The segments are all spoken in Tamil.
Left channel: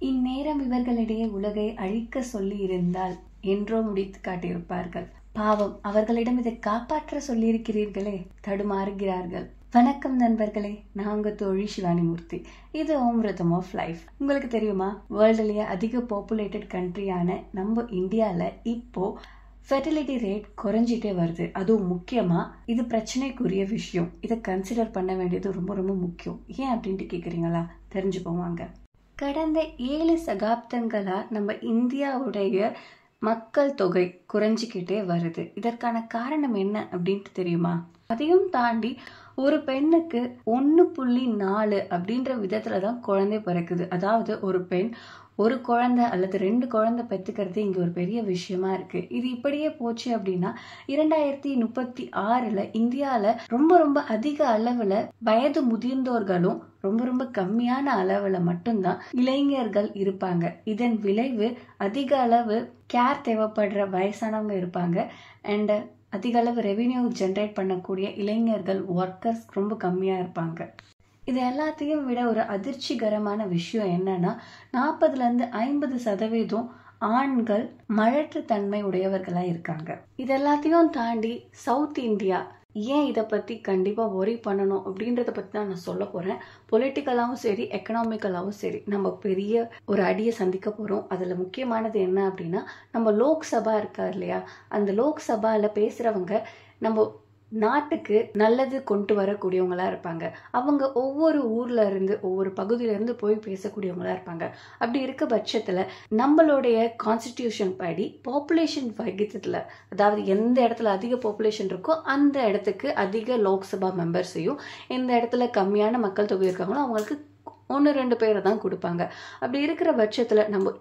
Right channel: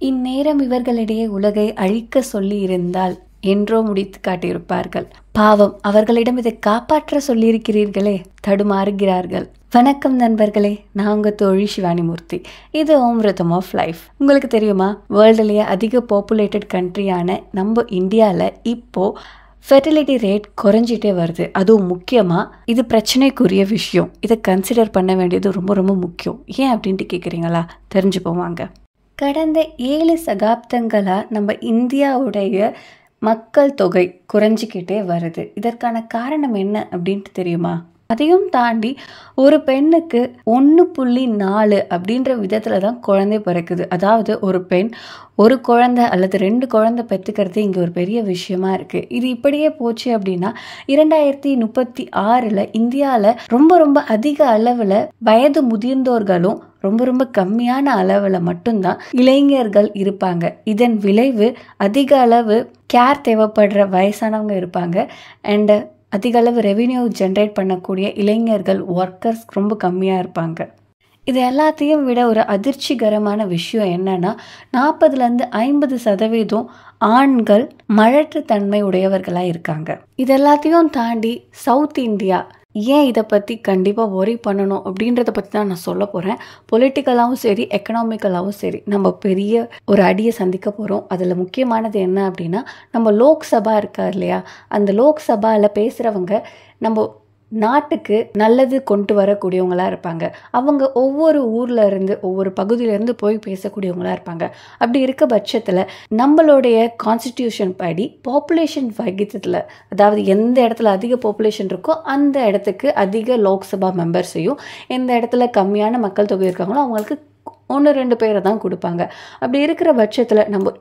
இந்நேரம் இவர்களிடையே உலகை அழிக்க சொல்லி இருந்தால் என்றோ முடித்து காட்டியிருப்பார்கள். பாவம், அவர்களிடம் இதை காப்பாற்ற சொல்லியிருக்கிறீர்களே, தடுமாறுகிறார்கள். வணக்கம் நண்பர்களே, நான் உங்க தோழி சிவானிமூர்த்தி. இது ஓம் ரிதம் ஆஃப் லைஃப். உங்களுக்கு தெரியுமா, வேர்ல்டுலேயே அதிக பாப்புலேட்டட் கண்ட்ரியான நம்ம இந்தியாவில் இப்போ ஃபெர்டிலிட்டி ரேட் குறைஞ்சிட்டே வருது. அதுவும் முக்கியமாக இது பிரச்சனைக்குரிய விஷயம். இதை கன்சிடர் பண்ண வேண்டியது ரொம்ப ரொம்ப முக்கியம். ஏன் அப்படின்ட்டு கேட்குறீங்களா? தெரிஞ்சு போவாங்க. கடந்த 7 சகாப்தங்களாக நம்ம இந்தியாவுடைய மக்கள் தொகை குறைஞ்சிக்கிட்டே வருது. இதற்கான காரணம் என்ன அப்படின்ட்டு தெரியுமா? அதையும் தாண்டி ஒரு பெண்ணுக்கு 1.4 அப்படின்ற விதத்தில் தான் குழந்தை பிறக்குது. அதாவது ஒரு பெண் ஒரு குழந்தை அல்லது 2 குழந்தை பெற்றுக்கிறது இங்கே ஒரு பெரிய விஷயமா இருக்குது. இது இப்படியே போச்சு அப்படின்னா 2036 இந்தியாவில் ரொம்ப ரொம்ப அதிக அளவில் வயது முதிர்ந்தோர்களும் ரொம்ப ரொம்ப கம்மியான அளவில் மட்டும்தான் இளைஞர்கள் இருப்பாங்க. இதன் விளைவு அதிக அளவு கேர் தேவைப்படுற வயசானவங்க இருப்பாங்க. அண்டு அதிக அளவு ரெவென்யூ ஜென்ரேட் பண்ணக்கூடிய இளைஞர்கள், ஒர்க்கர்ஸ் ரொம்ப கம்மியாக இருப்பாங்க. இது எல்லாத்தையும் விட ஒரு அதிர்ச்சிகரமான விஷயம் என்னன்னா, 40-50% ஆண்கள் மழற்றுத்தன்மை உடையவர்களாக இருக்காங்க. இது எல்லாத்தையும் தாண்டி சவுத் இந்தியா ஏன் இதை பற்றி கண்டிப்பாக ஒரி பண்ணணும் அப்படின்றத பற்றி தான் நான் சொல்ல போகிறேன். பொலிட்டிக்கலாகவும் சரி, எக்கனாமிக்கலாகவும் சரி, நம்ம பெரிய ஒரு அடியை சந்திக்க போகிறோம். அதில் முக்கியமானது என்ன அப்படின்னா, நம்ம லோக்சபா இருக்கா இல்லையா, அந்த லோக்சபாவில் பேசுகிறவங்க நம்ம நாட்டுக்கு நல்லது கொண்டு வரக்கூடியவங்களா இருப்பாங்க. அவங்க ஒவ்வொரு ஊர்ல இருந்து, ஒவ்வொரு பகுதியிலேருந்து போய் பேசக்கூடியவங்களா இருப்பாங்க. அப்படி இருக்க பட்சத்தில் நம்மளுடைய கான்ஸ்டிடியூஷன் படி பாப்புலேஷன் விகிதத்தில், அதாவது எந்த இடத்துல அதிக பாப்புலேஷன் இருக்கோ அந்த இடத்துக்கு அதிக லோக்சபா மெம்பர்ஸையும், எந்த இடத்துல கம்மியான மக்கள் தொகை இருக்காங்களோ அவங்களுக்கு 1-2 பேரை தான் கொடுப்பாங்க. அப்படி இருக்கிற பட்சத்தில் நம்ம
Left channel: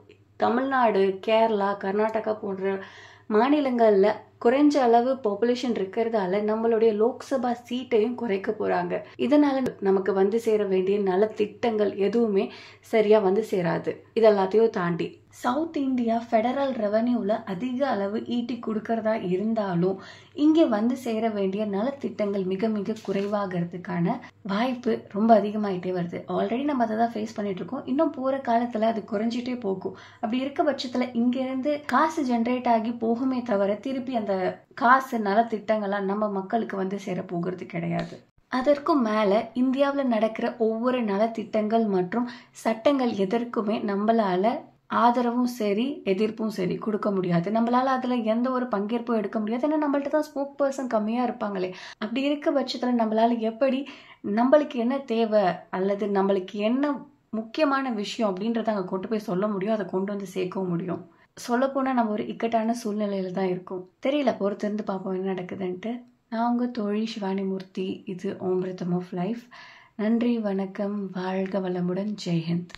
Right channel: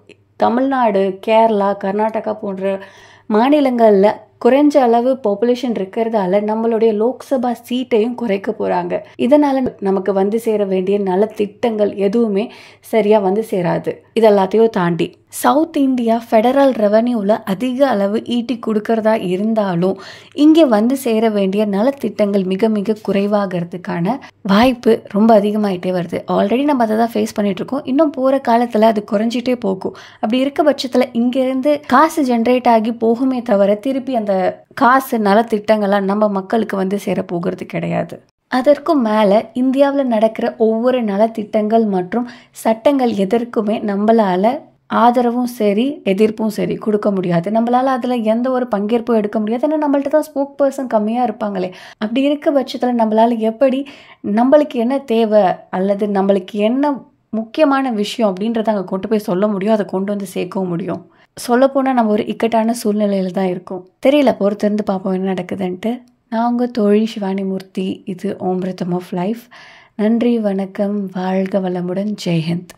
தமிழ்நாடு, கேரளா, கர்நாடகா போன்ற மாநிலங்களில் குறைஞ்ச அளவு பாப்புலேஷன் இருக்கிறதால நம்மளுடைய லோக்சபா சீட்டையும் குறைக்க போகிறாங்க. இதனால் நமக்கு வந்து சேர வேண்டிய நலத்திட்டங்கள் எதுவுமே சரியாக வந்து சேராது. இதெல்லாத்தையும் தாண்டி சவுத் இந்தியா ஃபெடரல் ரெவன்யூவில் அதிக அளவு ஈட்டி கொடுக்கறதா இருந்தாலும் இங்கே வந்து சேர வேண்டிய நலத்திட்டங்கள் மிக மிக குறைவாகிறதுக்கான வாய்ப்பு ரொம்ப அதிகமாகிட்டே வருது. ஆல்ரெடி நம்ம அதை தான் ஃபேஸ் பண்ணிகிட்ருக்கோம். இன்னும் போகிற காலத்தில் அது குறைஞ்சிட்டே போகும். அப்படி இருக்க பட்சத்தில் இங்கேருந்து காசு ஜென்ரேட் ஆகி போகுமே தவிர திருப்பி அந்த காசு நலத்திட்டங்களாக நம்ம மக்களுக்கு வந்து சேர போகிறது கிடையாது. அதற்கும் மேலே இந்தியாவில் நடக்கிற ஒவ்வொரு நலத்திட்டங்கள் மற்றும் சட்டங்கள் எதற்குமே நம்மளால் ஆதரவும் சரி, எதிர்ப்பும் சரி கொடுக்க முடியாது. நம்மளால் அதில் எந்த ஒரு பங்கேற்பும் எடுக்க முடியாது. ஏன்னா நம்மள்ட்ட தான் ஸ்போக் பர்சன் கம்மியாக இருப்பாங்களே. அப்படி இருக்க பட்சத்தில் நம்மளால் எப்படி நம்மளுக்கு என்ன தேவை அல்லது நம்மளுக்கு என்ன முக்கியமான விஷயம் அப்படின்றத அங்கே கொண்டு போய் சொல்ல முடியும், அதை கொண்டு வந்து சேர்க்கவும் முடியும். சொல்லப்போனால் நம்ம ஒரு இக்கட்டான சூழ்நிலையில் தான் இருக்கும். தெரியல, பொறுத்திருந்து பார்ப்போம் என்ன நடக்குதுன்ட்டு. நான் உங்கள் தோழி சிவானிமூர்த்தி. இது ஓம் ரிதம் ஆஃப் லைஃப். நன்றி, வணக்கம், வாழ்க வளமுடன், ஜெய்ஹிந்த்.